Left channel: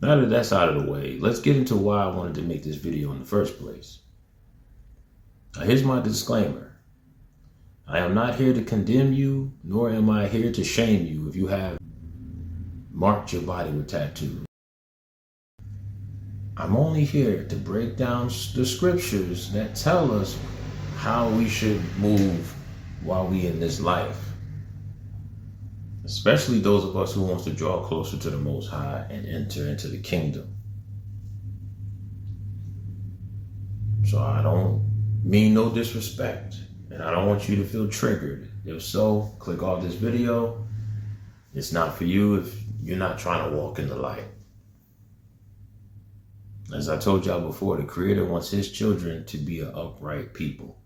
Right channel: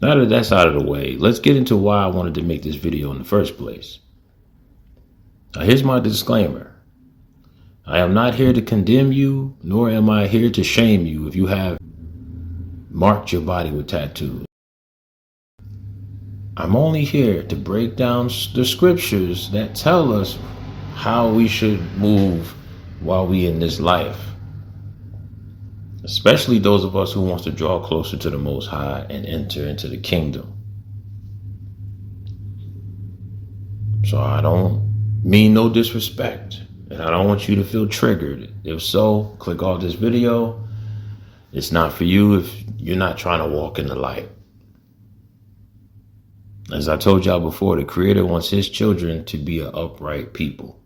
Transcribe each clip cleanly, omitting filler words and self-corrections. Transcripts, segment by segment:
Now that that's out of the way, let's get into why I wanted to make this video in the first place. Now, here's my disclaimer. I am not here to condemn you, nor am I here to shame you if you have marked your body with tattoos. I'm only here to break down the scriptures that tell us how we should move while we in this life. Especially those of us who wants to draw closer to the Most High and enter into the kingdom. So I don't mean no disrespect, and I don't want you to feel triggered. If so, click off this video. It's not for you if you're not trying to walk in the light. As I told y'all before, the Creator wants His children to be an upright people.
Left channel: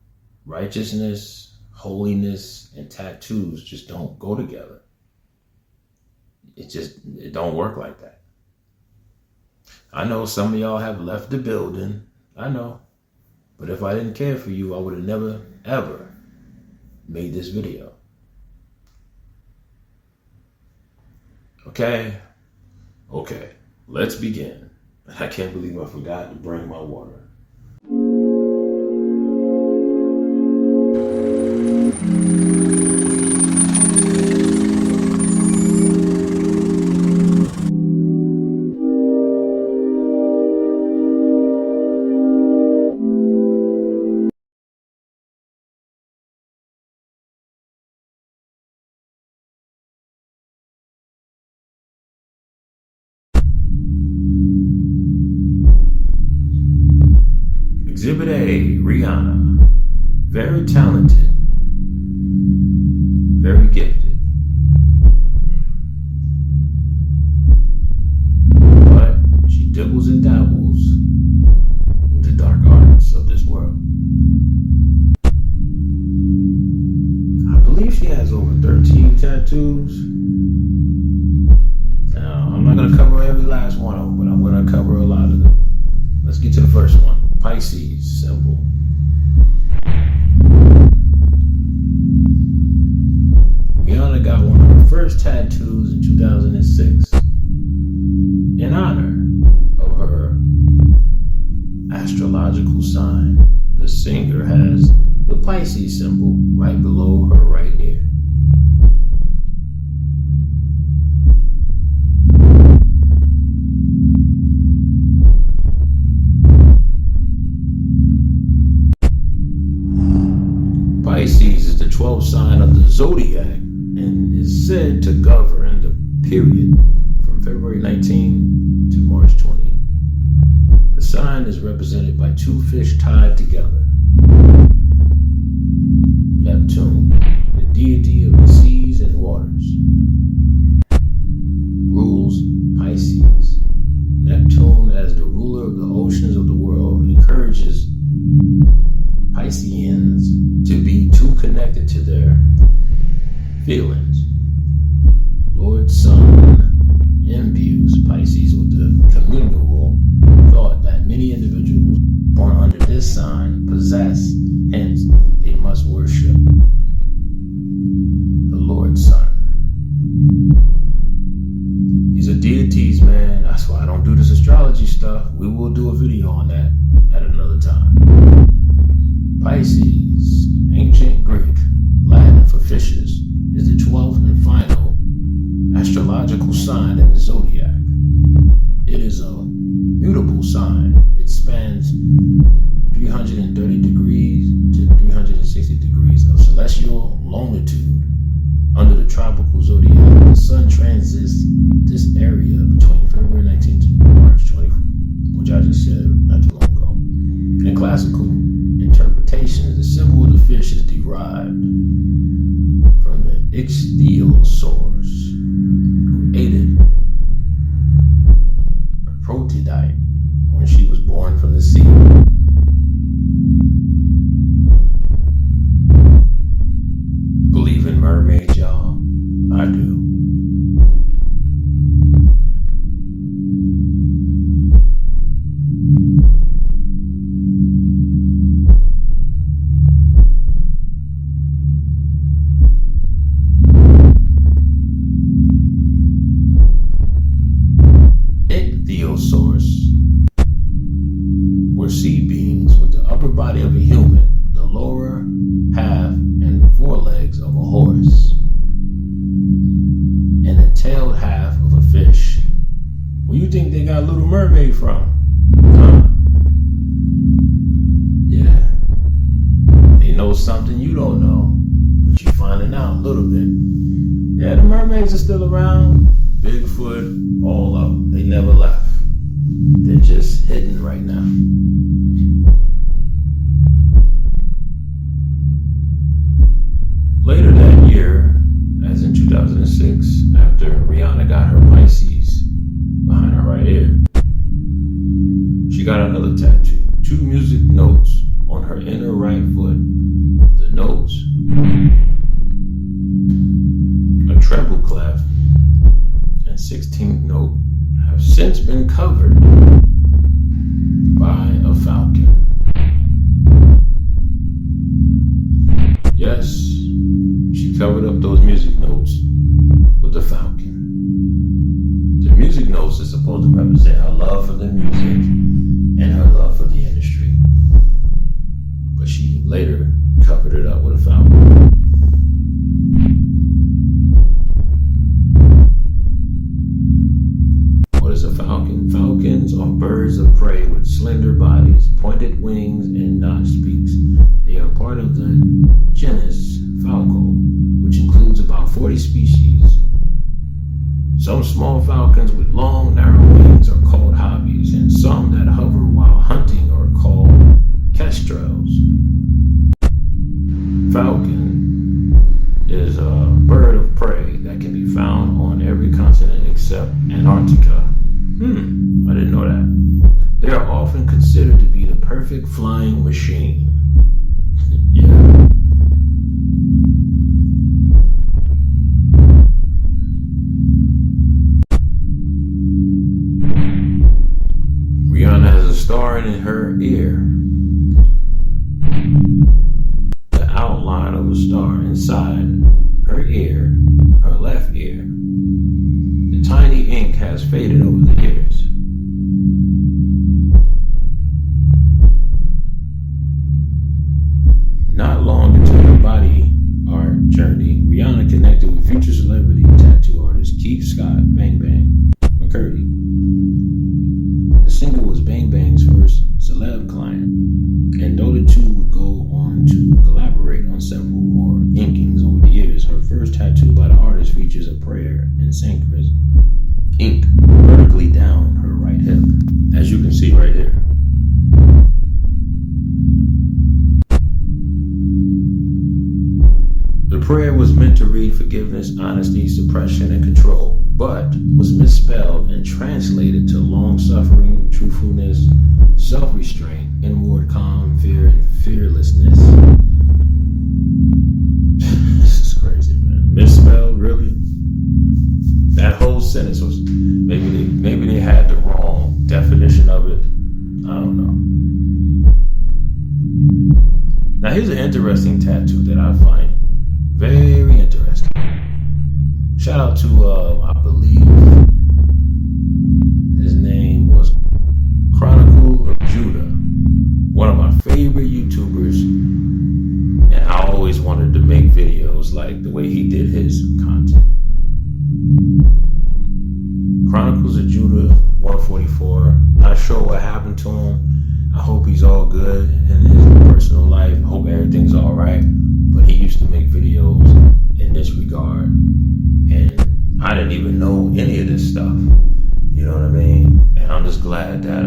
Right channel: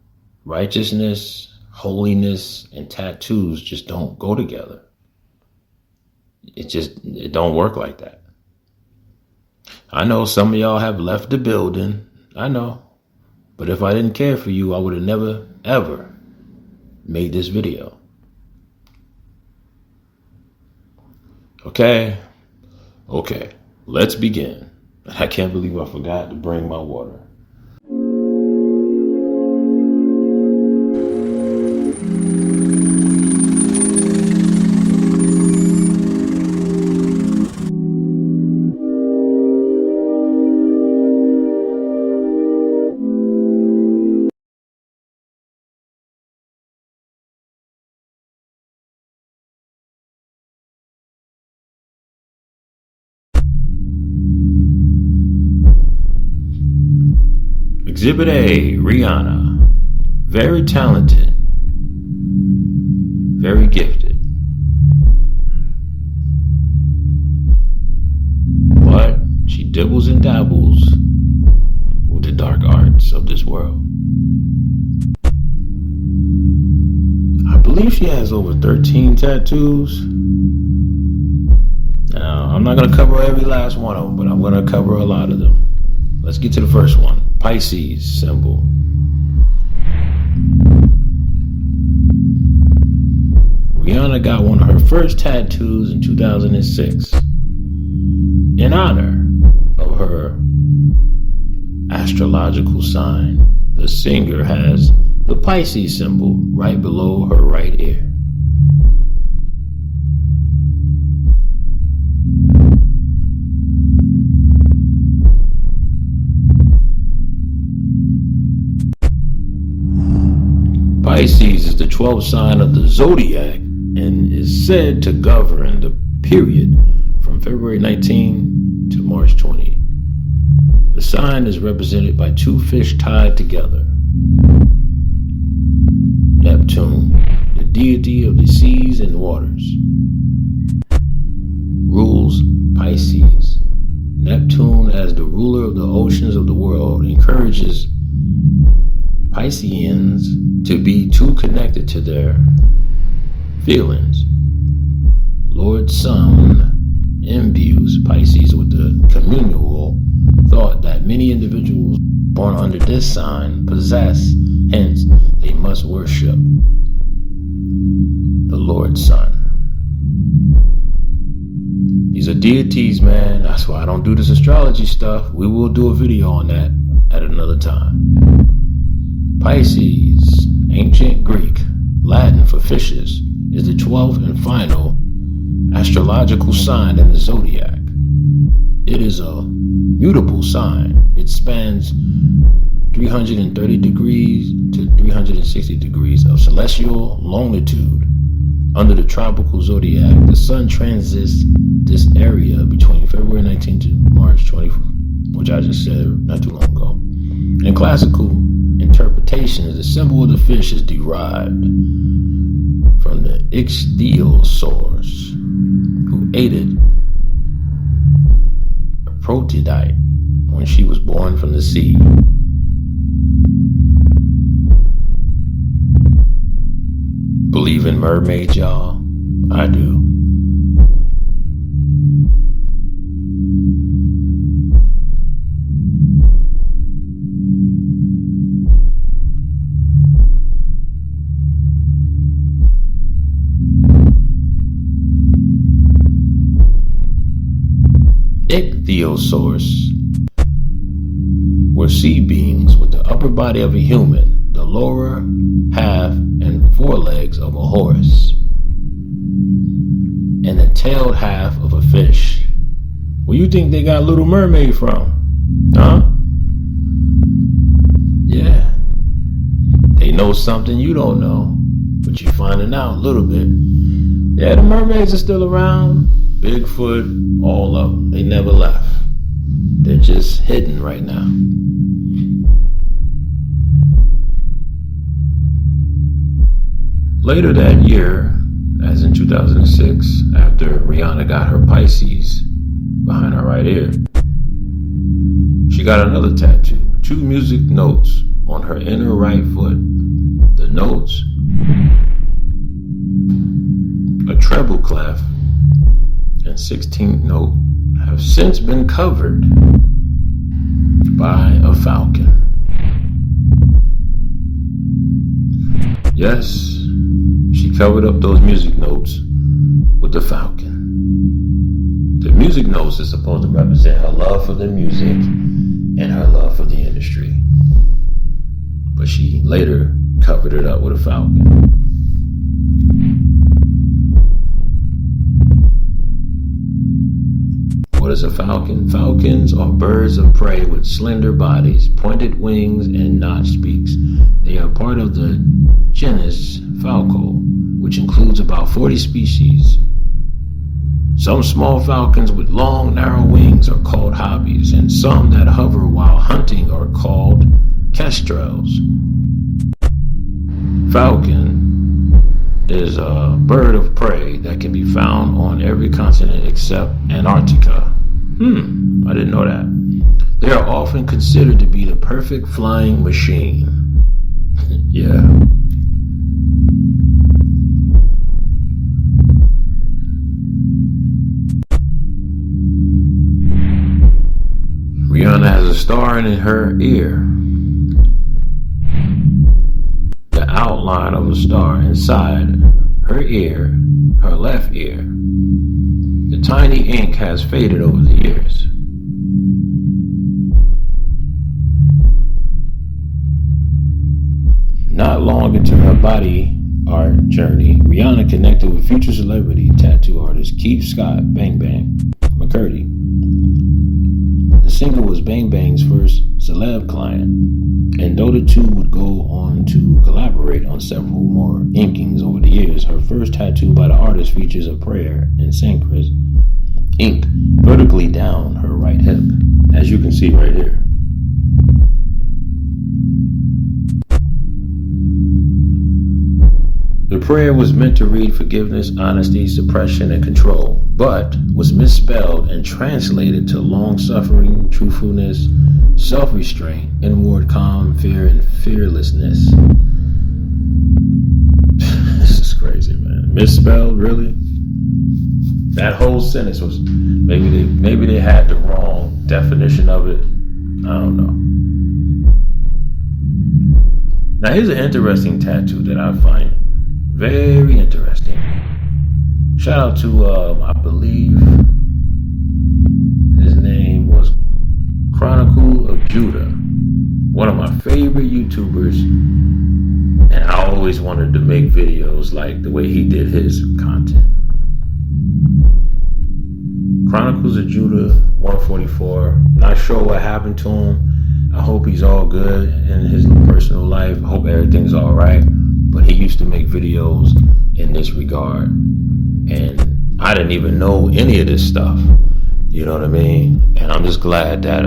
Righteousness, holiness, and tattoos just don't go together. It don't work like that. I know some of y'all have left the building. I know. But if I didn't care for you, I would have never, ever made this video. Okay, let's begin. I can't believe I forgot to bring my water. Exhibit A, Rihanna. Very talented. Very gifted. But she dibbles and dabbles with the dark arts of this world. I believe she has over 13 tattoos. Now, I'm not going to cover every last one of them, but I'm going to cover a lot of them. Let's get to the first one. Pisces symbol. Rihanna got one of her first tattoos in 2006 in honor of her astrological sign. The singer has the Pisces symbol right below her right ear. Pisces is the 12th sign of the zodiac and is said to govern the period from February 19 to March 20. The sign is represented by two fish tied together. Neptune, the deity of the seas and waters, rules Pisces. Neptune, as the ruler of the oceans of the world, encourages Pisceans to be too connected to their feelings. Lord Sun imbues Pisces with the communal thought that many individuals born under this sign possess, hence they must worship the Lord Sun. These are deities, man. That's why I don't do this astrology stuff. We will do a video on that at another time. Pisces, ancient Greek, Latin for fishes, is the 12th and final astrological sign in the zodiac. It is a mutable sign. It spans 330 degrees to 360 degrees of celestial longitude. Under the tropical zodiac, the sun transits this area between February 19 to March 20, which I just said not too long ago. In classical interpretation, the symbol of the fish is derived from the ichthyosaurs, who aided Aphrodite when she was born from the sea. Believe in mermaids, y'all? I do. Ichthyosaurs were sea beings with the upper body of a human, the lower half and forelegs of a horse, and the tailed half of a fish. Where you think they got Little Mermaid from? Huh? Yeah. They know something you don't know, but you're finding out a little bit. Yeah, the mermaids are still around. Bigfoot, all of them. They never left. They're just hidden right now. Later that year, as in 2006, after Rihanna got her Pisces behind her right ear, she got another tattoo. 2 music notes on her inner right foot. The notes, a treble clef and 16th note, have since been covered by a falcon. Yes, she covered up those music notes with the falcon. The music notes is supposed to represent her love for the music and her love for the industry. But she later covered it up with a falcon. What is a falcon? Falcons are birds of prey with slender bodies, pointed wings, and notched beaks. They are part of the genus Falcon, which includes about 40 species. Some small falcons with long, narrow wings are called hobbies, and some that hover while hunting are called kestrels. Falcon is a bird of prey that can be found on every continent except Antarctica. I didn't know that. They are often considered to be the perfect flying machine. Yeah. Rihanna has a star in her ear. The outline of a star inside her ear, her left ear. The tiny ink has faded over the years. Not long into her body art journey, Rihanna connected with future celebrity tattoo artist Keith Scott Bang Bang McCurdy. The single was Bang Bang's first celeb client, and though the two would go on to collaborate on several more inkings over the years, her first tattoo by the artist features a prayer in Sanskrit inked vertically down her right hip, as you can see right here. The prayer was meant to read forgiveness, honesty, suppression, and control, but was misspelled and translated to long-suffering, truthfulness, self-restraint, inward calm, fear, and fearlessness. This is crazy, man. Misspelled, really? That whole sentence was, maybe they had the wrong definition of it. I don't know. Now here's an interesting tattoo that I find very interesting. Shout out to, I believe his name was Chronicle of Judah, one of my favorite YouTubers, and I always wanted to make videos like the way he did his content. Chronicles of Judah 144. Not sure what happened to him. I hope he's all good in his personal life. I hope everything's all right. But he used to make videos in this regard, and I didn't even know any of this stuff. You know what I mean? And I'm just glad that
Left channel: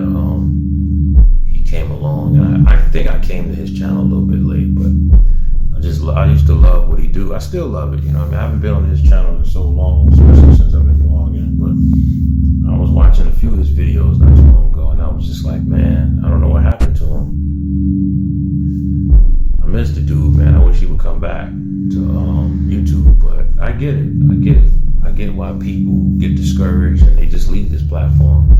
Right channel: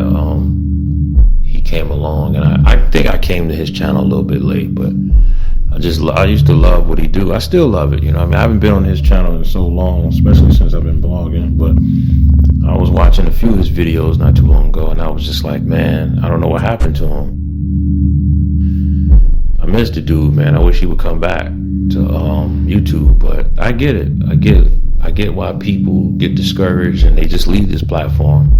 he came along. And I think I came to his channel a little bit late, but I used to love what he do. I still love it. You know what I mean? I haven't been on his channel in so long, especially since I've been blogging. But I was watching a few of his videos not too long ago, and I was just like, man, I don't know what happened to him. I miss the dude, man. I wish he would come back to YouTube, but I get it. I get why people get discouraged and they just leave this platform.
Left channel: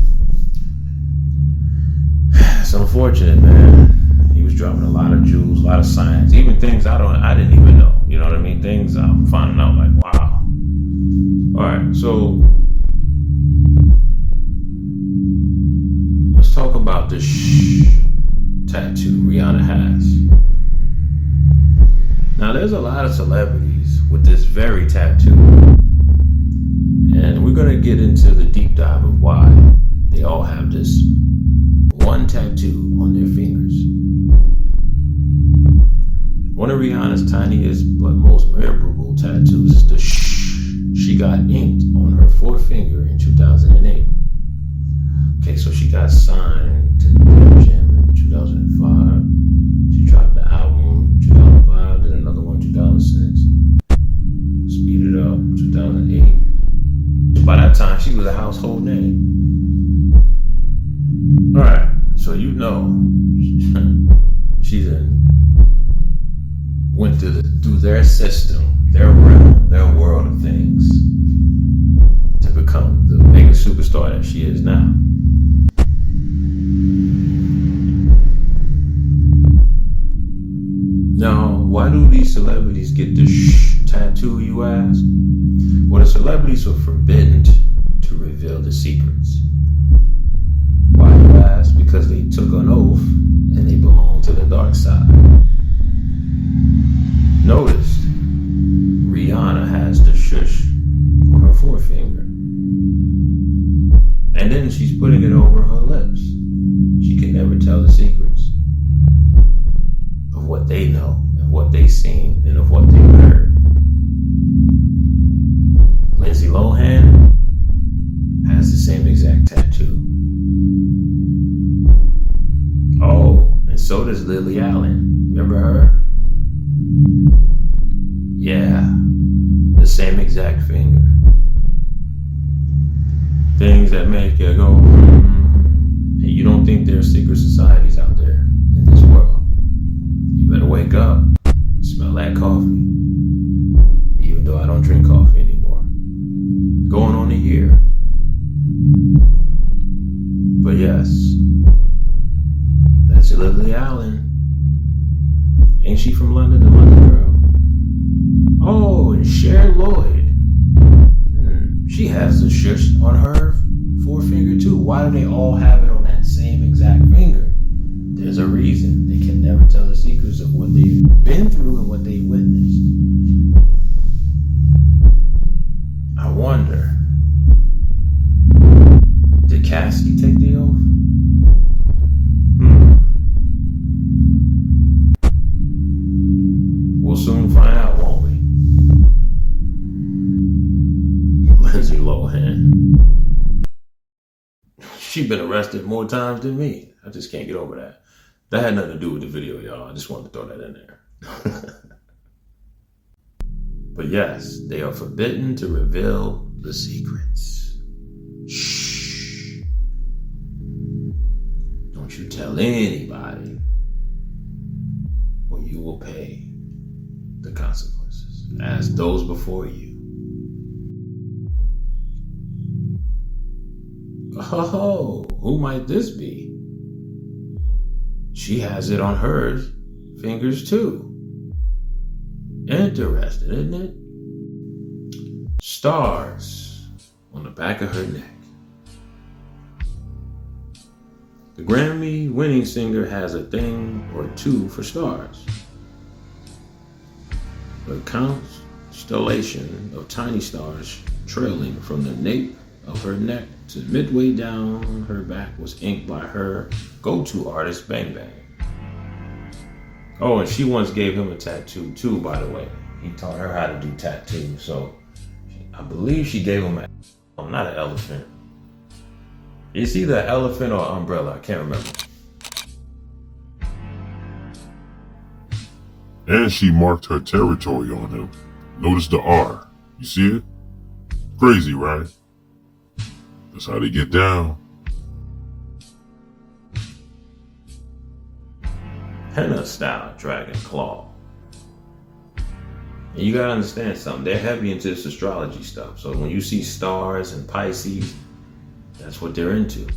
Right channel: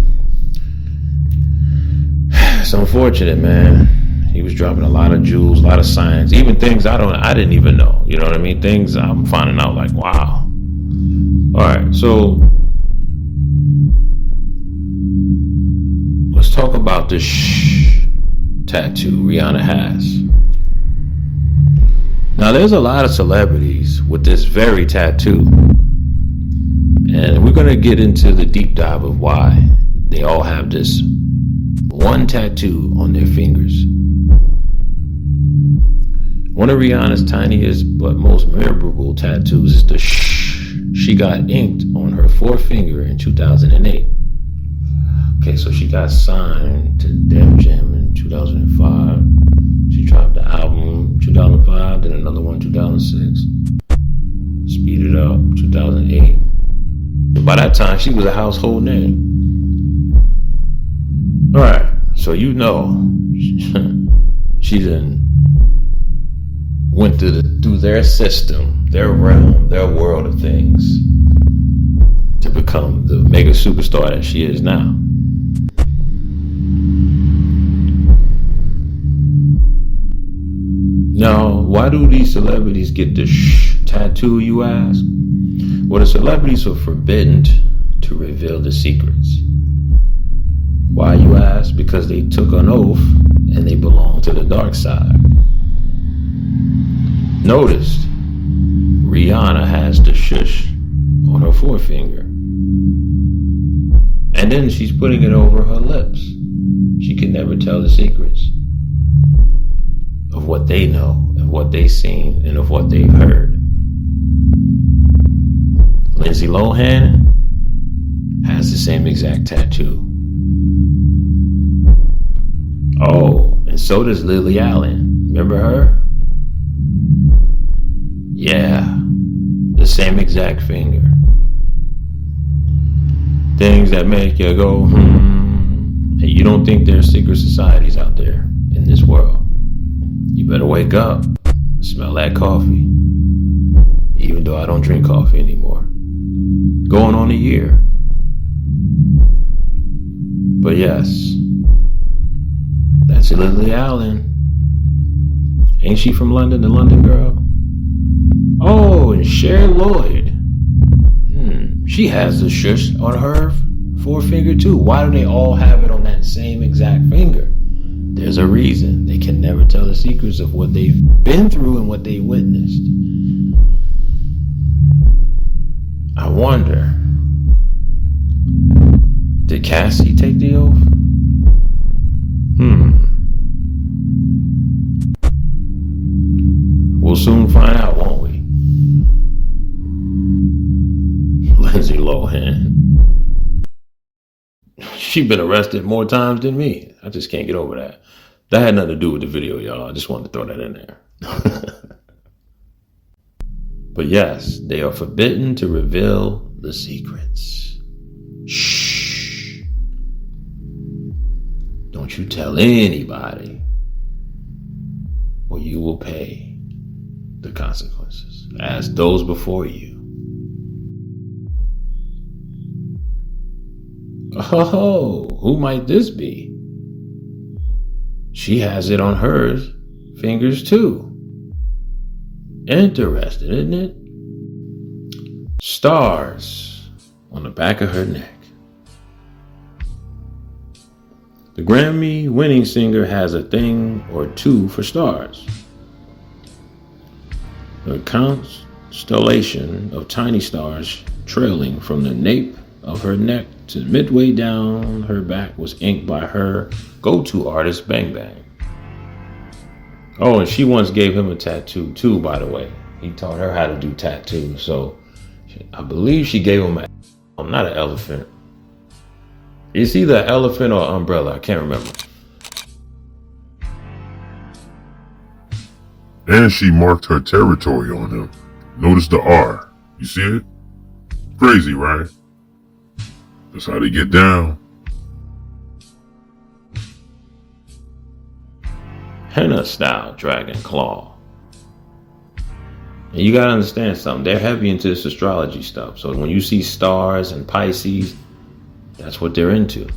It's unfortunate, man. He was dropping a lot of jewels, a lot of science, even things I didn't even know. You know what I mean? Things I'm finding out like, wow. All right, so talk about the Shhh tattoo Rihanna has. Now, there's a lot of celebrities with this very tattoo, and we're going to get into the deep dive of why they all have this one tattoo on their fingers. One of Rihanna's tiniest but most memorable tattoos is the Shhh she got inked on her forefinger in 2008. Okay, so she got signed to Def Jam in 2005. She dropped the album 2005, then another one 2006. Speed it up, 2008. By that time, she was a household name. All right, so you know, she then went through their system, their realm, their world of things to become the mega superstar that she is now. Now, why do these celebrities get the Shhh tattoo, you ask? Well, the celebrities are forbidden to reveal the secrets. Why, you ask? Because they took an oath and they belong to the dark side. Notice, Rihanna has the shush on her forefinger. And then she's putting it over her lips. She can never tell the secrets of what they know, of what they've seen, and of what they've heard. Lindsay Lohan has the same exact tattoo. Oh, and so does Lily Allen. Remember her? Yeah, the same exact finger. Things that make you go, and you don't think there's secret societies out there in this world. You better wake up and smell that coffee. Even though I don't drink coffee anymore. Going on a year. But yes, that's Lily Allen. Ain't she from London, the London girl? Oh, and Cher Lloyd. She has the shush on her forefinger too. Why do they all have it on that same exact finger? There's a reason. They can never tell the secrets of what they've been through and what they witnessed. I wonder, did Cassie take the oath? We'll soon find out, won't we? Lindsay Lohan. She's been arrested more times than me. I just can't get over that. That had nothing to do with the video, y'all. I just wanted to throw that in there. But yes, they are forbidden to reveal the secrets. Shh. Don't you tell anybody, or you will pay the consequences, as those before you. Oh, who might this be? She has it on her fingers too. Interesting, isn't it? Stars on the back of her neck. The Grammy-winning singer has a thing or two for stars. A constellation of tiny stars trailing from the nape of her neck to midway down her back was inked by her go-to artist, Bang Bang. Oh, and she once gave him a tattoo too, by the way. He taught her how to do tattoos, so I believe she gave him not an elephant. It's either an elephant or an umbrella, I can't remember. And she marked her territory on him. Notice the R. You see it? Crazy, right? That's how they get down. Henna-Style dragon claw. And you gotta understand something. They're heavy into this astrology stuff. So when you see stars and Pisces, that's what they're into.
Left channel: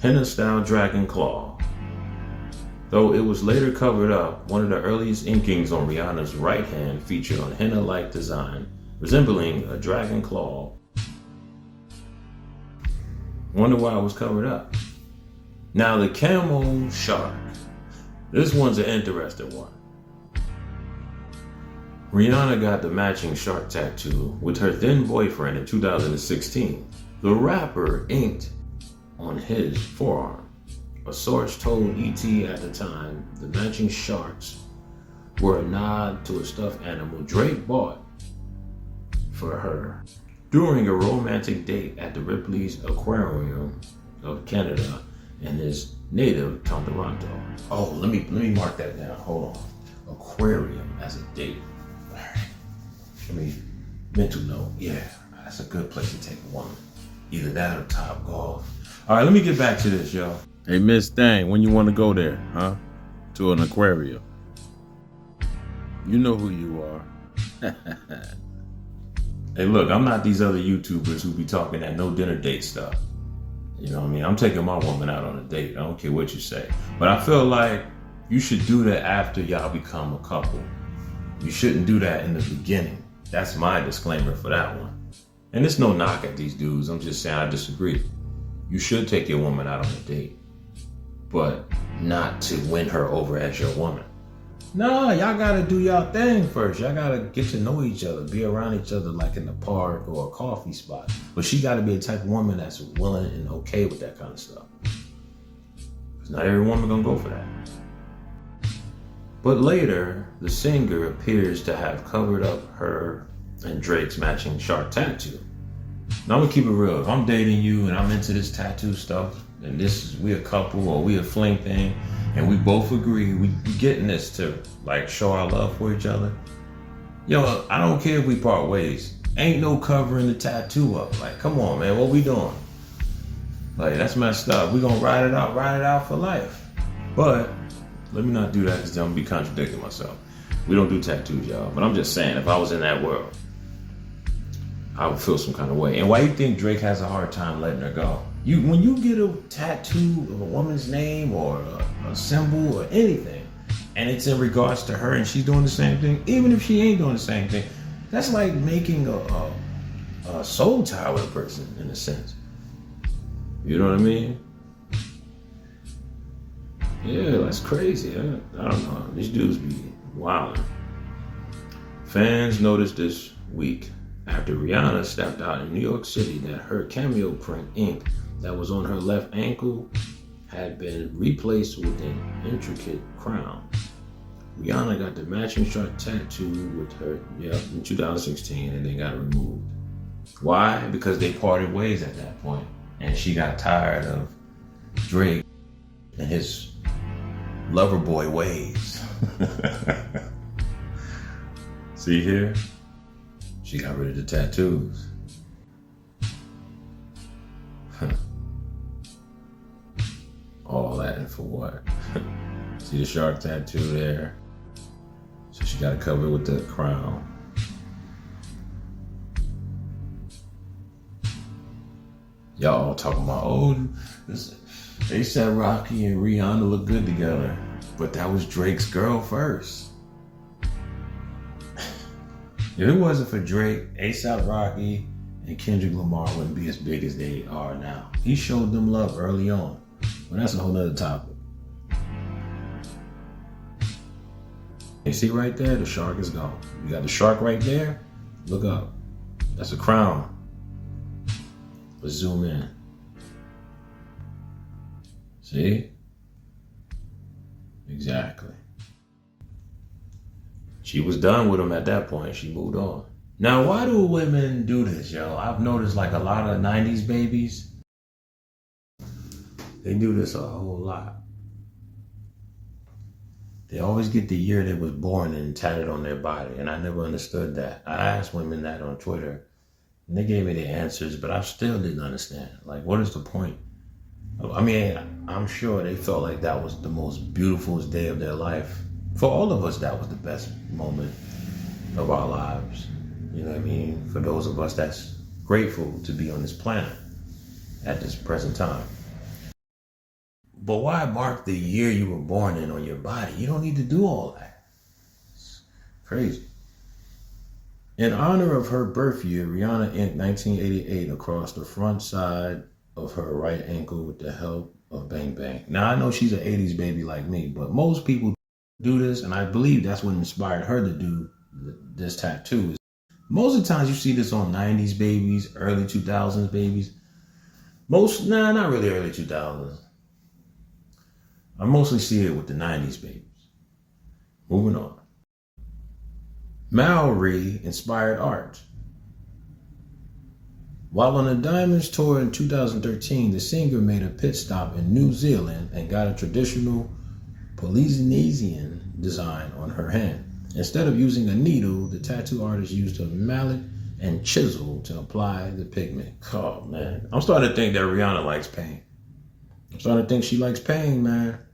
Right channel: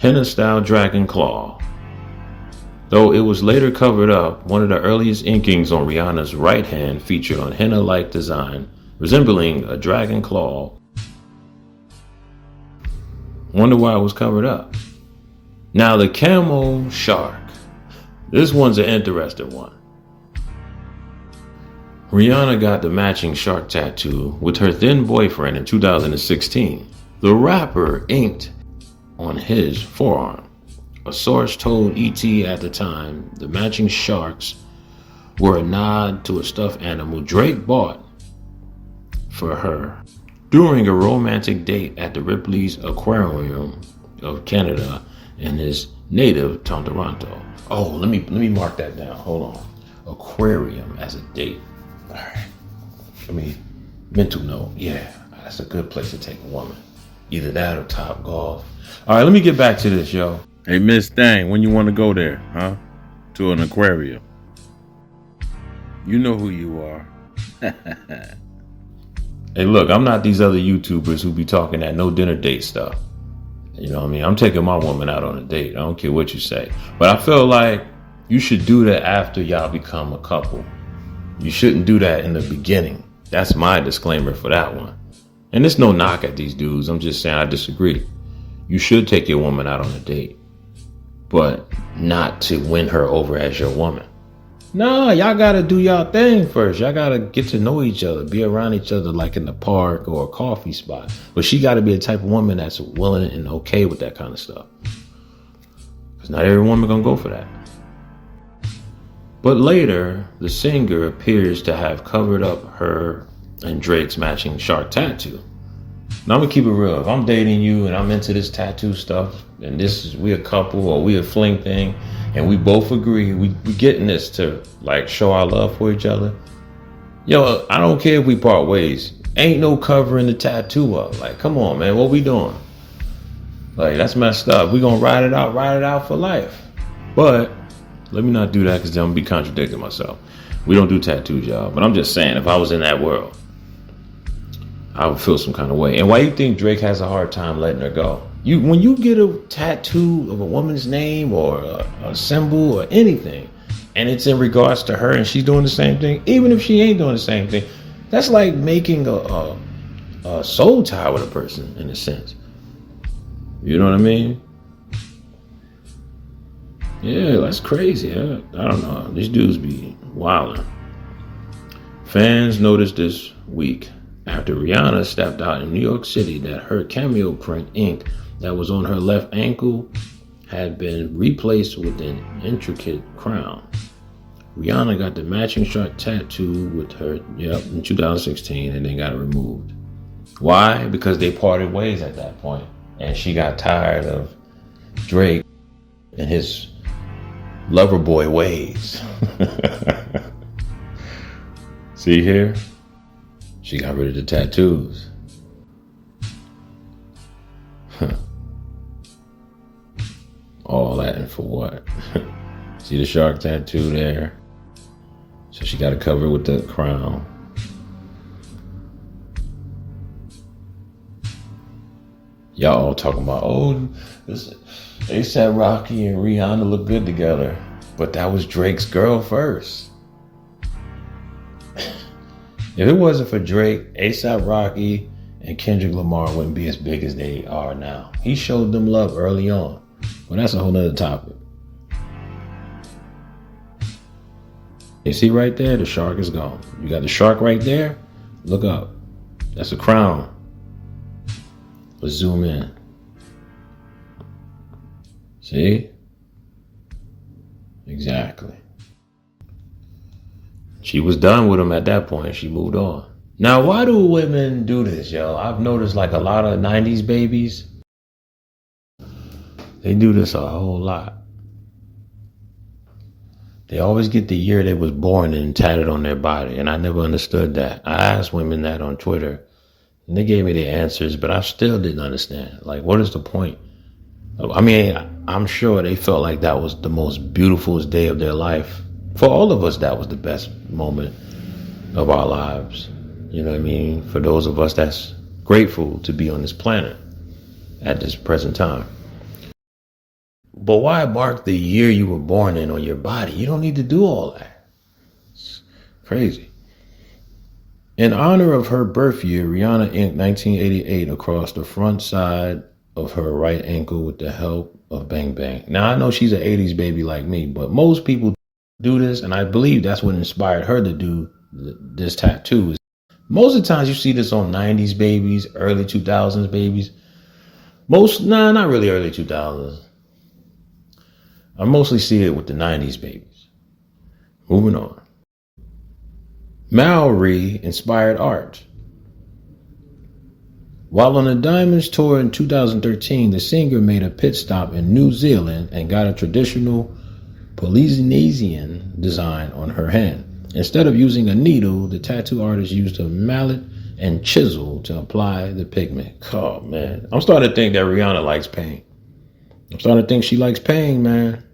Henna-Style dragon claw. Though it was later covered up, one of the earliest inkings on Rihanna's right hand featured on henna-like design, resembling a dragon claw. Wonder why it was covered up. Now the Camo Shark. This one's an interesting one. Rihanna got the matching shark tattoo with her then boyfriend in 2016. The rapper inked on his forearm. A source told ET at the time the matching sharks were a nod to a stuffed animal Drake bought for her during a romantic date at the Ripley's Aquarium of Canada in his native Toronto. Oh, let me mark that down. Hold on. Aquarium as a date. All right. Let me mental note. Yeah, that's a good place to take a woman. Either that or Top Golf. All right, let me get back to this, yo. Hey, Miss Thang, when you want to go there, huh? To an aquarium. You know who you are. Hey, look, I'm not these other YouTubers who be talking that no dinner date stuff. You know what I mean? I'm taking my woman out on a date. I don't care what you say. But I feel like you should do that after y'all become a couple. You shouldn't do that in the beginning. That's my disclaimer for that one. And it's no knock at these dudes. I'm just saying I disagree. You should take your woman out on a date, but not to win her over as your woman. Nah, y'all gotta do y'all thing first. Y'all gotta get to know each other, be around each other like in the park or a coffee spot. But she gotta be the type of woman that's willing and okay with that kind of stuff. Because not every woman gonna go for that. But later, the singer appears to have covered up her and Drake's matching shark tattoo. Now I'm gonna keep it real. If I'm dating you and I'm into this tattoo stuff, and we a couple or we a fling thing, and we both agree we getting this to like show our love for each other. Yo, I don't care if we part ways. Ain't no covering the tattoo up. Like, come on, man, what we doing? Like, that's messed up. We gonna ride it out for life. But let me not do that because then I'm gonna be contradicting myself. We don't do tattoos, y'all. But I'm just saying, if I was in that world, I would feel some kind of way. And why you think Drake has a hard time letting her go? When you get a tattoo of a woman's name or a symbol or anything, and it's in regards to her and she's doing the same thing, even if she ain't doing the same thing, that's like making a soul tie with a person in a sense. You know what I mean? Yeah, that's crazy. I don't know. These dudes be wilding. Fans noticed this week after Rihanna stepped out in New York City that her cameo print ink that was on her left ankle had been replaced with an intricate crown. Rihanna got the matching shark tattoo with her in 2016 and then got it removed. Why? Because they parted ways at that point and she got tired of Drake and his lover boy ways. See here? She got rid of the tattoos. All that and for what? See the shark tattoo there? So she got to cover it with the crown. Y'all all talking about, oh, this A$AP Rocky and Rihanna look good together. But that was Drake's girl first. If it wasn't for Drake, A$AP Rocky and Kendrick Lamar wouldn't be as big as they are now. He showed them love early on. Well, that's a whole nother topic. You see right there, the shark is gone. You got the shark right there. Look up. That's a crown. Let's zoom in. See? Exactly. She was done with him at that point. She moved on. Now, why do women do this, yo? I've noticed like a lot of 90s babies, they do this a whole lot. They always get the year they was born and tatted on their body, and I never understood that. I asked women that on Twitter, and they gave me the answers, but I still didn't understand. Like, what is the point? I mean, I'm sure they felt like that was the most beautiful day of their life. For all of us, that was the best moment of our lives. You know what I mean? For those of us that's grateful to be on this planet at this present time. But why mark the year you were born in on your body? You don't need to do all that. It's crazy. In honor of her birth year, Rihanna inked 1988 across the front side of her right ankle with the help of Bang Bang. Now, I know she's an 80s baby like me, but most people do this, and I believe that's what inspired her to do this tattoo. Most of the times you see this on 90s babies, early 2000s babies. Not really early 2000s. I mostly see it with the 90s babies. Moving on. Maori-Inspired Art. While on a Diamonds tour in 2013, the singer made a pit stop in New Zealand and got a traditional Polynesian design on her hand. Instead of using a needle, the tattoo artist used a mallet and chisel to apply the pigment. Oh, man. I'm starting to think that Rihanna likes pain. I'm starting to think she likes pain, man.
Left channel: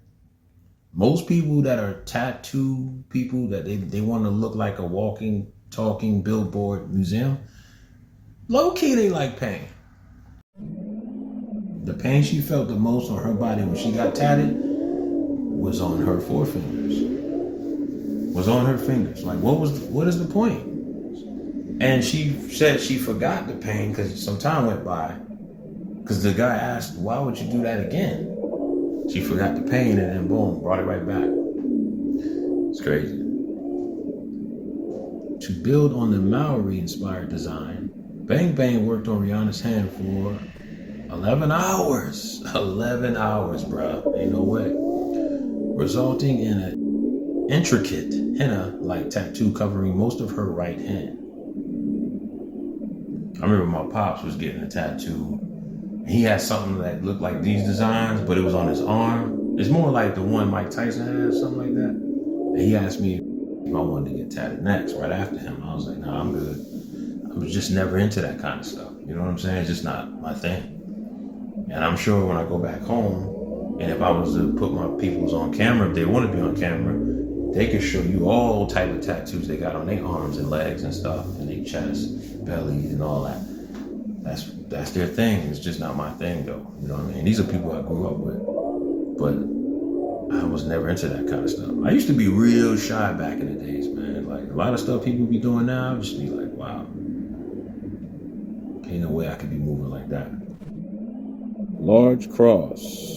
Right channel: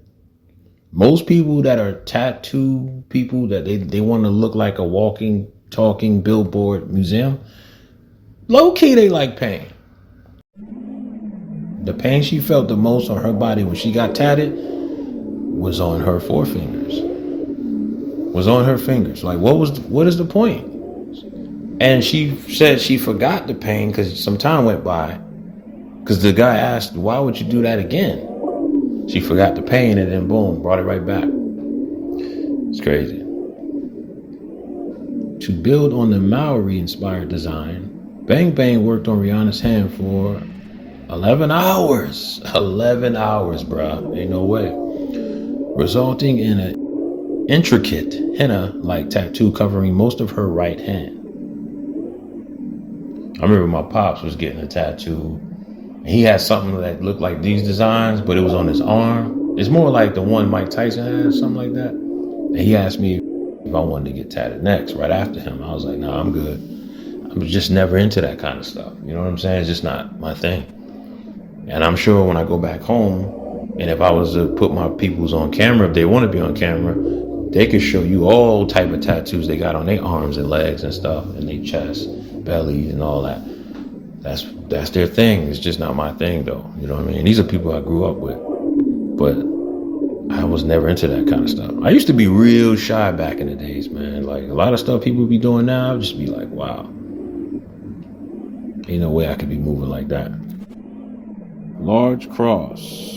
Most people that are tattoo people, that they want to look like a walking, talking billboard museum, low-key, they like pain. The pain she felt the most on her body when she got tatted was on her forefingers. Was on her fingers. Like, what is the point? And she said she forgot the pain because some time went by. Because the guy asked, why would you do that again? She forgot the pain and then boom, brought it right back. It's crazy. To build on the Maori-inspired design, Bang Bang worked on Rihanna's hand for 11 hours. 11 hours, bruh. Ain't no way. Resulting in an intricate henna-like tattoo covering most of her right hand. I remember my pops was getting a tattoo. He had something that looked like these designs, but it was on his arm. It's more like the one Mike Tyson has, something like that. And he asked me if I wanted to get tatted next, right after him. I was like, no, I'm good. I was just never into that kind of stuff. You know what I'm saying? It's just not my thing. And I'm sure when I go back home, and if I was to put my peoples on camera, if they want to be on camera, they could show you all type of tattoos they got on their arms and legs and stuff, and their chest, belly, and all that. That's their thing. It's just not my thing, though. You know what I mean? These are people I grew up with, but I was never into that kind of stuff. I used to be real shy back in the days, man. Like, a lot of stuff people be doing now, I'd just be like, wow. Ain't no way I could be moving like that. Large cross.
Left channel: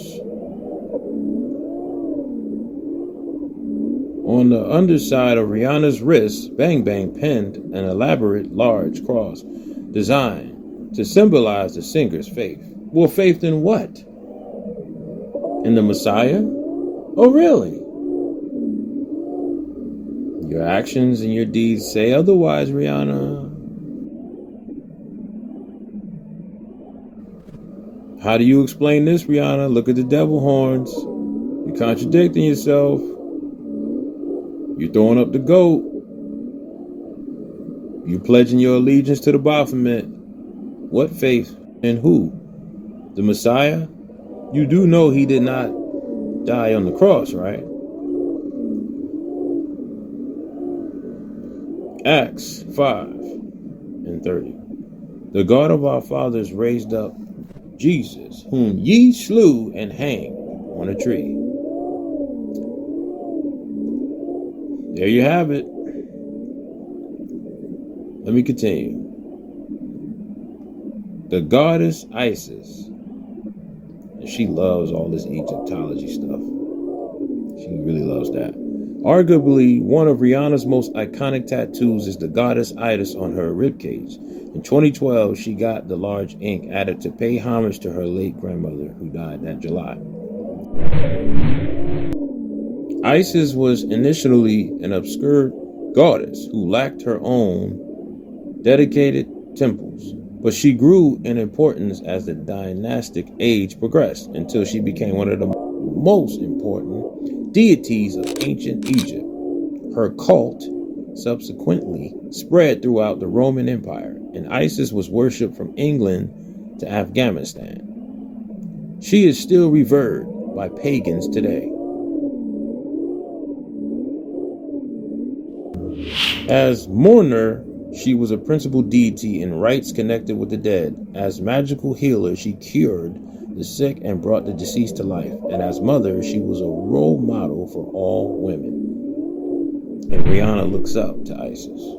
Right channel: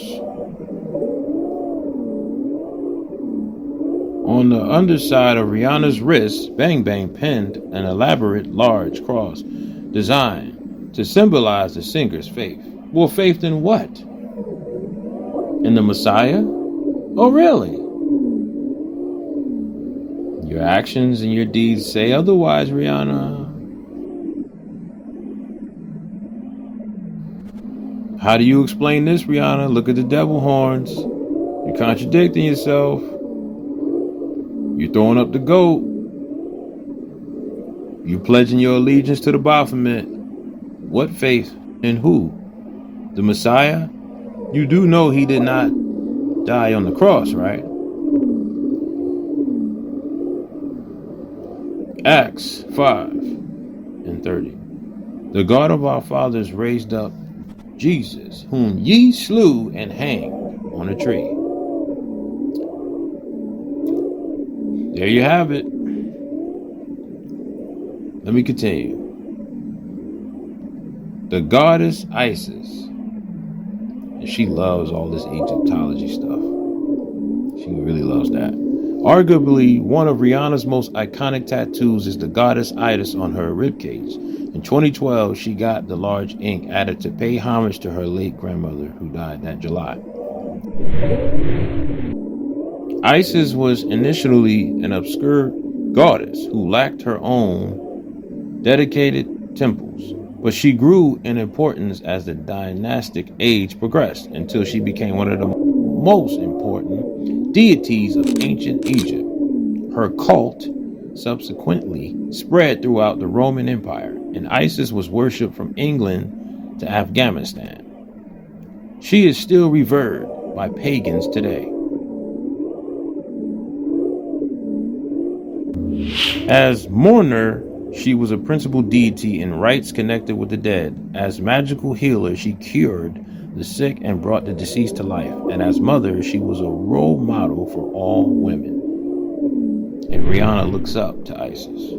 On the underside of Rihanna's wrist, Bang Bang penned an elaborate large cross designed to symbolize the singer's faith. Well, faith in what? In the Messiah? Oh, really? Your actions and your deeds say otherwise, Rihanna. How do you explain this, Rihanna? Look at the devil horns. You're contradicting yourself. You're throwing up the goat. You're pledging your allegiance to the Baphomet. What faith in who? The Messiah? You do know he did not die on the cross, right? Acts 5:30. The God of our fathers raised up Jesus, whom ye slew and hanged on a tree. There you have it. Let me continue. The goddess Isis, and she loves all this Egyptology stuff. She really loves that. Arguably, one of Rihanna's most iconic tattoos is the goddess Isis on her ribcage. In 2012, she got the large ink added to pay homage to her late grandmother, who died that July. Isis was initially an obscure goddess who lacked her own dedicated temples, but she grew in importance as the dynastic age progressed until she became one of the most important deities of ancient Egypt. Her cult subsequently spread throughout the Roman Empire, and Isis was worshipped from England to Afghanistan. She is still revered by pagans today. As mourner, she was a principal deity in rites connected with the dead. As magical healer, she cured the sick and brought the deceased to life. And as mother, she was a role model for all women. And Rihanna looks up to Isis.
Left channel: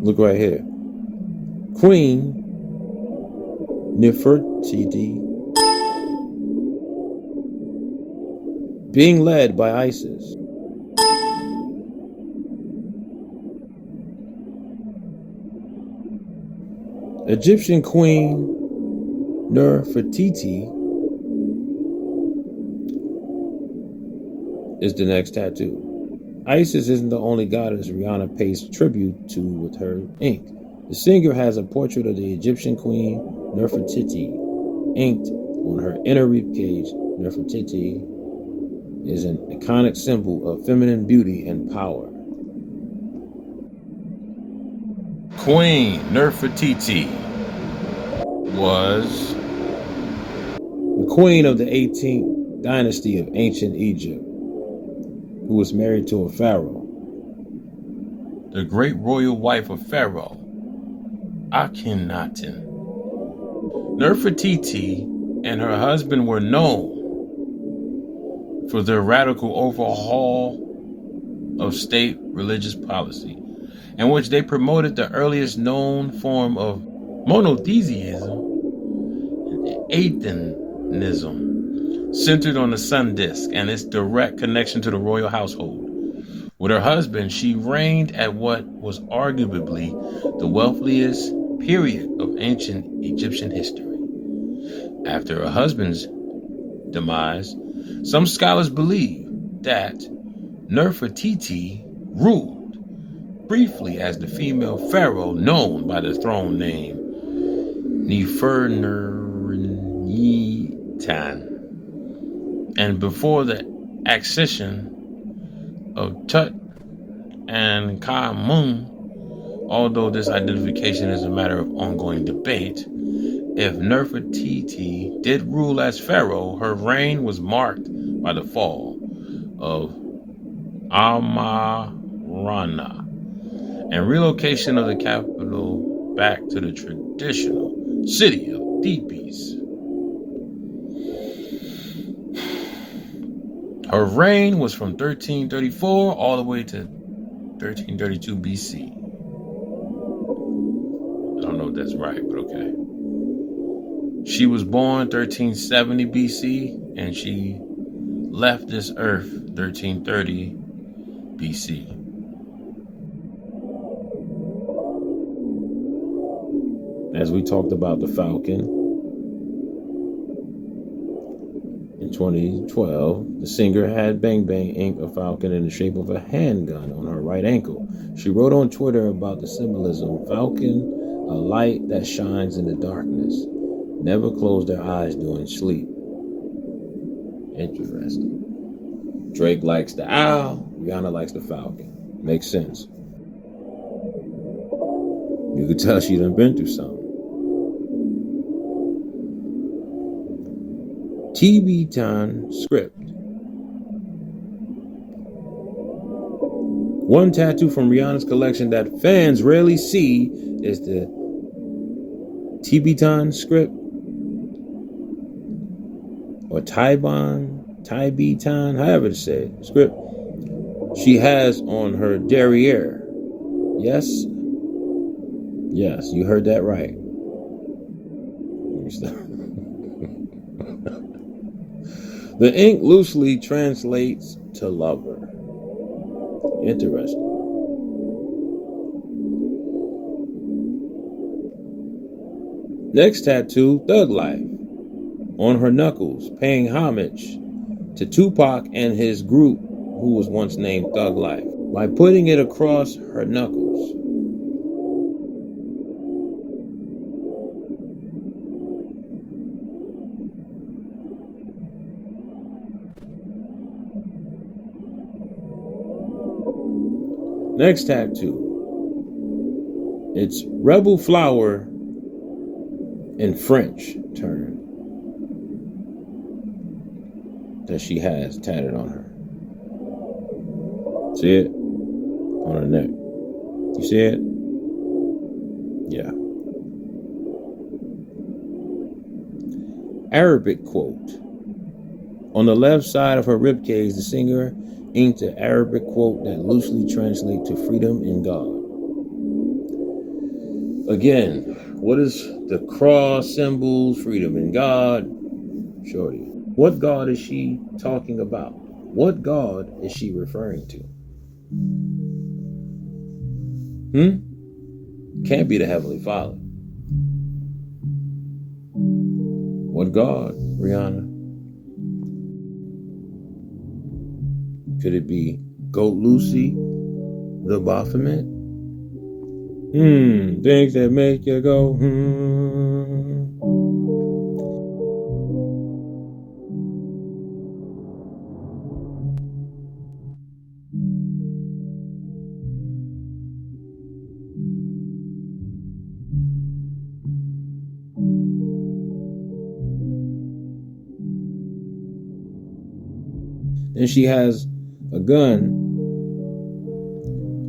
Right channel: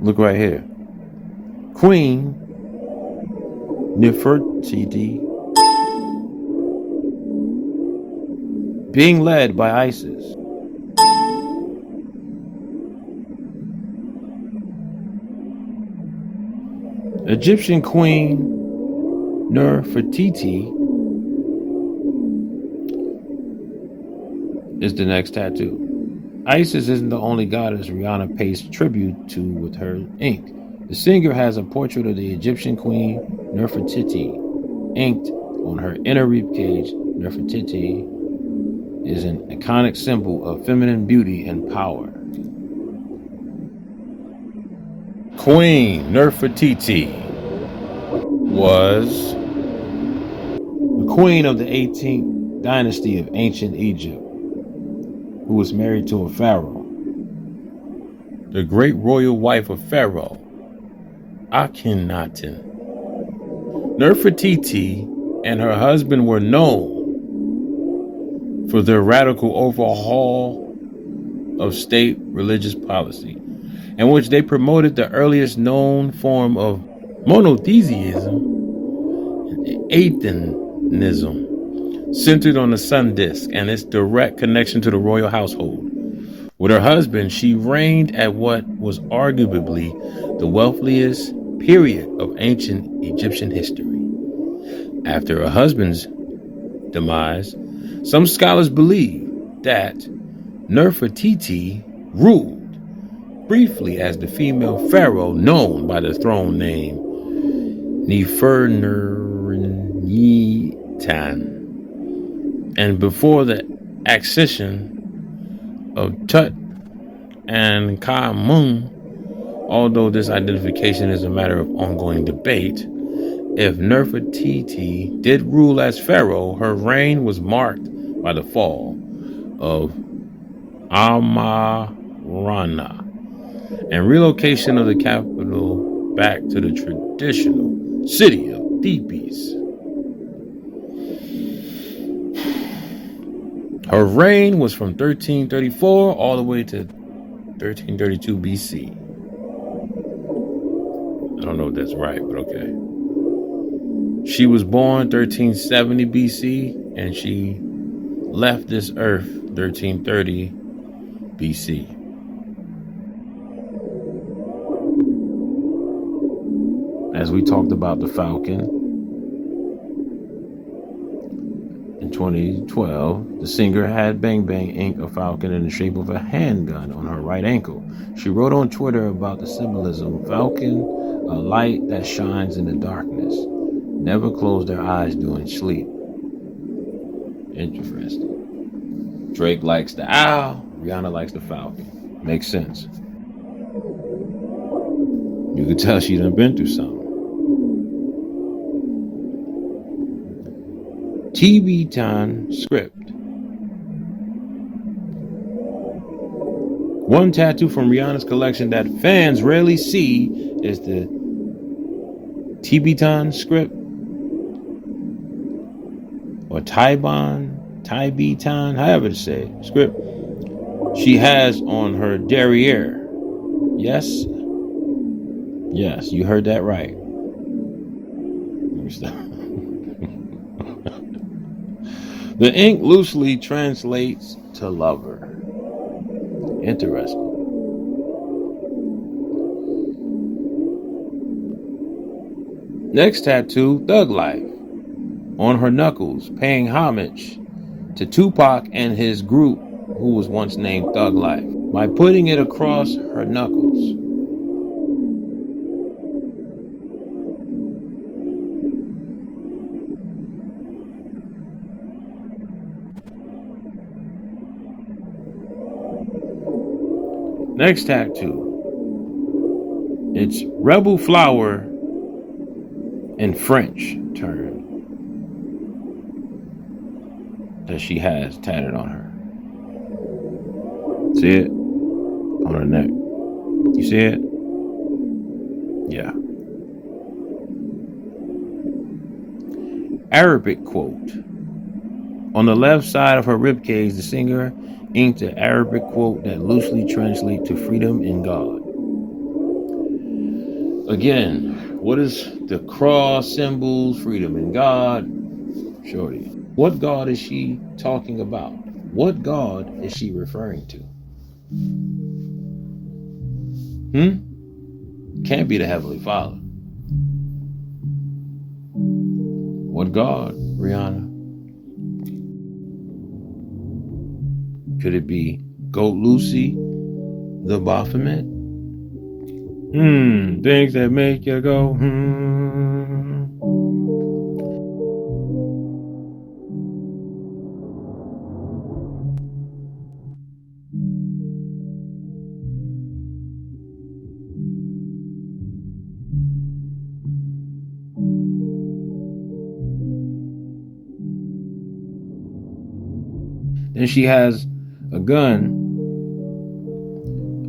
Look right here. Queen Nefertiti being led by Isis. Egyptian Queen Nefertiti is the next tattoo. Isis isn't the only goddess Rihanna pays tribute to with her ink. The singer has a portrait of the Egyptian queen Nefertiti inked on her inner ribcage. Nefertiti is an iconic symbol of feminine beauty and power. Queen Nefertiti was the queen of the 18th dynasty of ancient Egypt, who was married to a pharaoh. The great royal wife of Pharaoh Akhenaten. Nefertiti and her husband were known for their radical overhaul of state religious policy, in which they promoted the earliest known form of monotheism and atheism, centered on the sun disk and its direct connection to the royal household. With her husband, she reigned at what was arguably the wealthiest period of ancient Egyptian history. After her husband's demise, some scholars believe that Nefertiti ruled briefly as the female pharaoh known by the throne name Nefertiti, and before the accession of Tut and Khamun. Although this identification is a matter of ongoing debate, if Nefertiti did rule as pharaoh, her reign was marked by the fall of Amarna and relocation of the capital back to the traditional city of Thebes. Her reign was from 1334 all the way to 1332 BC. I don't know if that's right, but okay. She was born 1370 BC and she left this earth 1330 BC. As we talked about the Falcon, in 2012, the singer had Bang Bang ink a falcon in the shape of a handgun on her right ankle. She wrote on Twitter about the symbolism: Falcon, a light that shines in the darkness. Never close their eyes during sleep. Interesting. Drake likes the owl, Rihanna likes the falcon. Makes sense. You could tell she done been through something. Tibetan Script. One tattoo from Rihanna's collection that fans rarely see is the Tibetan Script, or Tibetan, however to say it, script she has on her derriere. Yes, you heard that right. The ink loosely translates to lover. Interesting. Next tattoo, Thug Life, on her knuckles, paying homage to Tupac and his group, who was once named Thug Life, by putting it across her knuckles. Next tattoo, it's Rebelle Fleur in French term that she has tatted on her. See it? On her neck. You see it? Yeah. Arabic quote. On the left side of her ribcage, the singer inked an Arabic quote that loosely translates to freedom in God. Again, What is the cross symbols, freedom in God? Shorty. What God is she talking about? What God is she referring to? Can't be the Heavenly Father. What God, Rihanna? Could it be Goat Lucy, the Baphomet? Things that make you go, Then she has a gun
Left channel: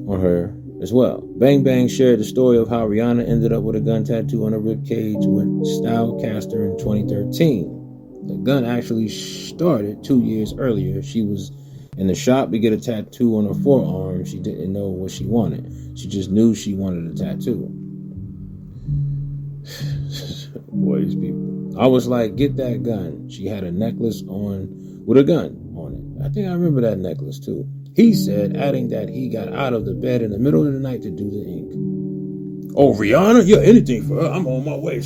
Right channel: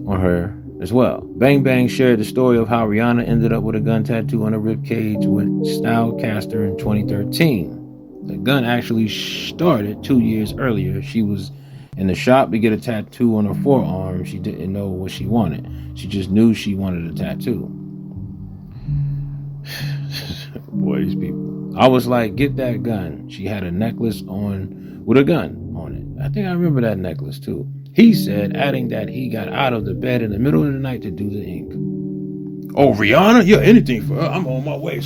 on her as well. Bang Bang shared the story of how Rihanna ended up with a gun tattoo on her ribcage with Stylecaster in 2013. The gun actually started 2 years earlier. She was in the shop to get a tattoo on her forearm. She didn't know what she wanted. She just knew she wanted a tattoo. Boy, these people. I was like, get that gun. She had a necklace on with a gun on it. I think I remember that necklace too. He said, adding that he got out of the bed in the middle of the night to do the ink. Oh, Rihanna? Yeah, anything for her. I'm on my way.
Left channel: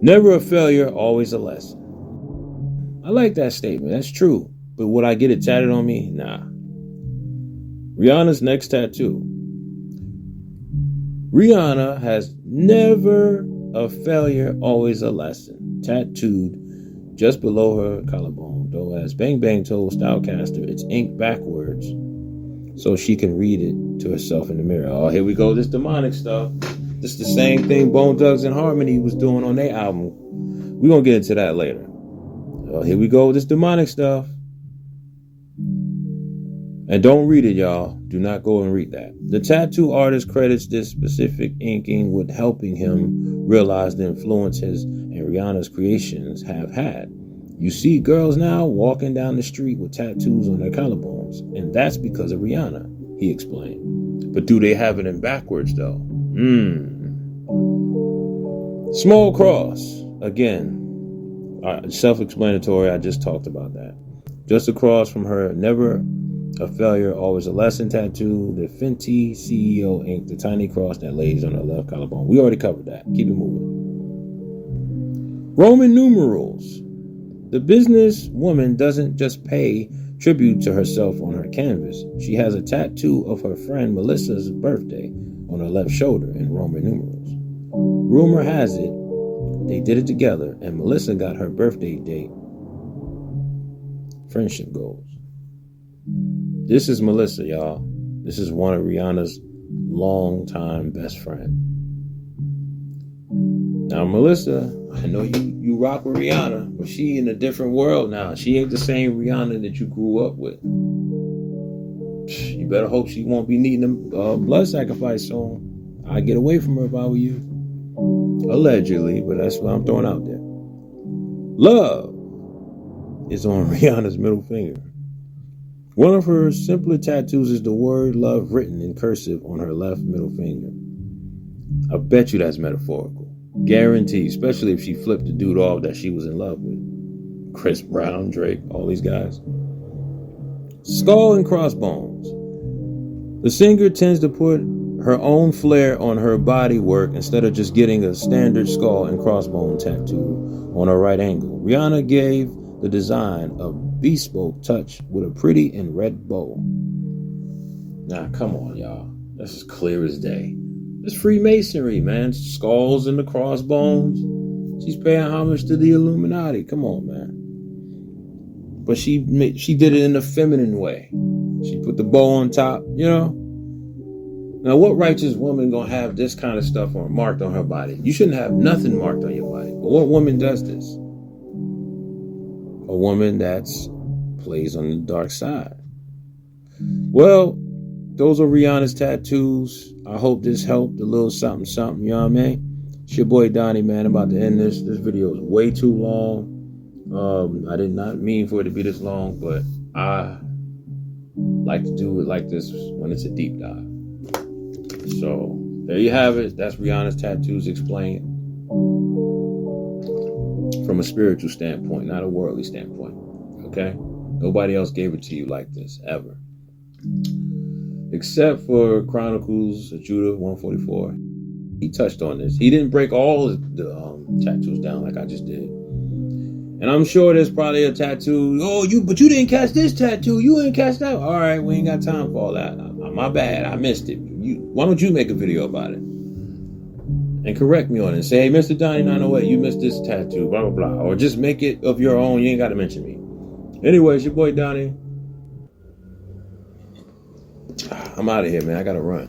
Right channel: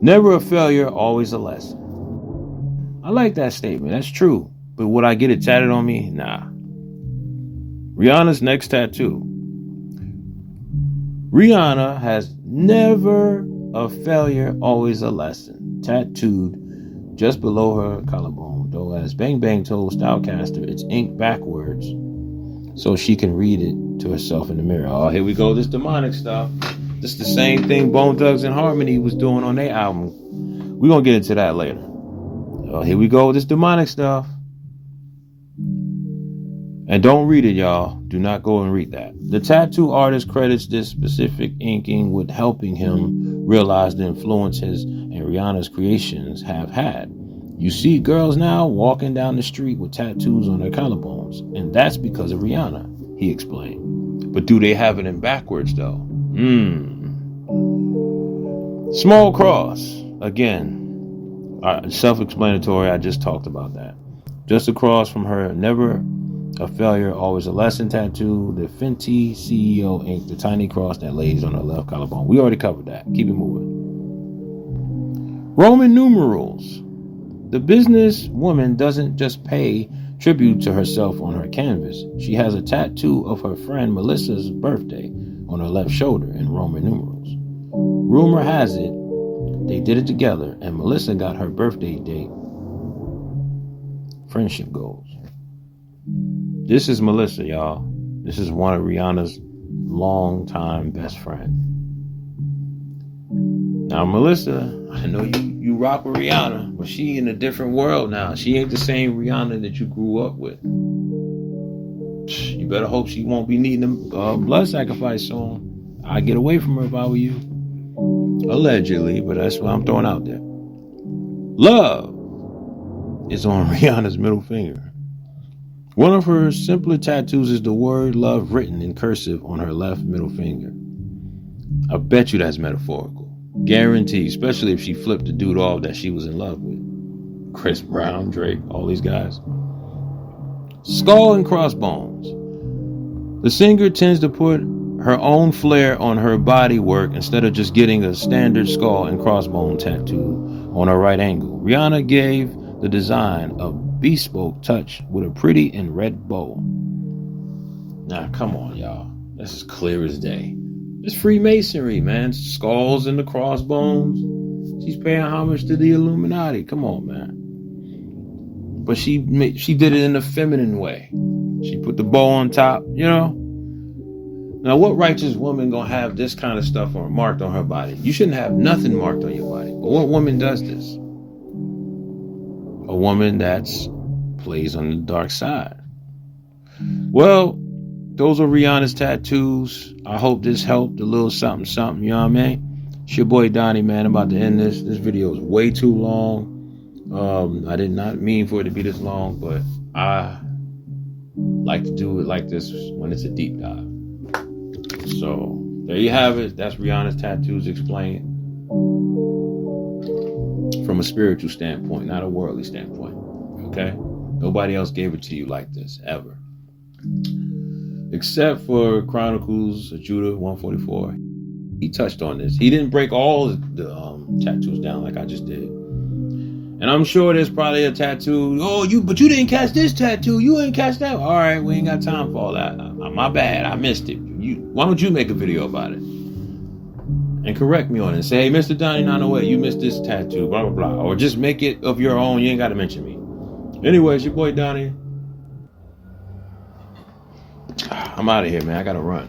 Never a failure, always a lesson. I like that statement. That's true. But would I get it tatted on me? Nah. Rihanna's next tattoo. Rihanna has never a failure, always a lesson. Tattooed just below her collarbone, though, as Bang Bang told Stylecaster, it's ink backwards so she can read it to herself in the mirror. Oh, here we go, this demonic stuff. This is the same thing Bone Thugs and Harmony was doing on their album. We're going to get into that later. Oh, here we go, this demonic stuff. And don't read it, y'all. Do not go and read that. The tattoo artist credits this specific inking with helping him realize the influence his and Rihanna's creations have had. You see girls now walking down the street with tattoos on their collarbones, and that's because of Rihanna, he explained. But do they have it in backwards, though? Small cross. Again, self-explanatory. I just talked about that. Just across from her, never a failure, always a lesson tattoo, the Fenty CEO ink, the tiny cross that lays on her left collarbone. We already covered that. Keep it moving. Roman numerals. The businesswoman doesn't just pay tribute to herself on her canvas. She has a tattoo of her friend Melissa's birthday on her left shoulder in Roman numerals. Rumor has it they did it together, and Melissa got her birthday date friendship goals. This is Melissa, y'all. This is one of Rihanna's longtime best friend. Now, Melissa, I know you rock with Rihanna, but she in a different world now. She ain't the same Rihanna that you grew up with. You better hope she won't be needing a blood sacrifice soon. I'd get away from her if I were you. Allegedly, but that's what I'm throwing out there. Love is on Rihanna's middle finger. One of her simpler tattoos is the word love written in cursive on her left middle finger. I bet you that's metaphorical. Guaranteed, especially if she flipped the dude off that she was in love with. Chris Brown, Drake, all these guys. Skull and crossbones. The singer tends to put her own flair on her body work instead of just getting a standard skull and crossbone tattoo on her right ankle. Rihanna gave the design a bespoke touch with a pretty and red bow. Now, come on, y'all. That's as clear as day. It's Freemasonry, man. Skulls and the crossbones. She's paying homage to the Illuminati. Come on, man. But she did it in a feminine way. She put the bow on top, you know. Now, what righteous woman gonna have this kind of stuff marked on her body? You shouldn't have nothing marked on your body. But what woman does this? A woman that's plays on the dark side. Well, those are Rihanna's tattoos. I hope this helped a little something, you know what I mean? It's your boy Donnie, man. I'm about to end this. This video is way too long. I did not mean for it to be this long, but I like to do it like this when it's a deep dive. So there you have it. That's Rihanna's tattoos explained from a spiritual standpoint, not a worldly standpoint. Okay? Nobody else gave it to you like this, ever. Except for Chronicles of Judah 144. He touched on this. He didn't break all of the tattoos down like I just did. And I'm sure there's probably a tattoo. Oh, but you didn't catch this tattoo. You ain't catch that. All right, we ain't got time for all that. My bad. I missed it. Why don't you make a video about it and correct me on it? Say, hey, Mr. Donnie 908, you missed this tattoo. Blah blah blah. Or just make it of your own. You ain't got to mention me. Anyways, your boy Donnie. I'm out of here, man. I gotta run.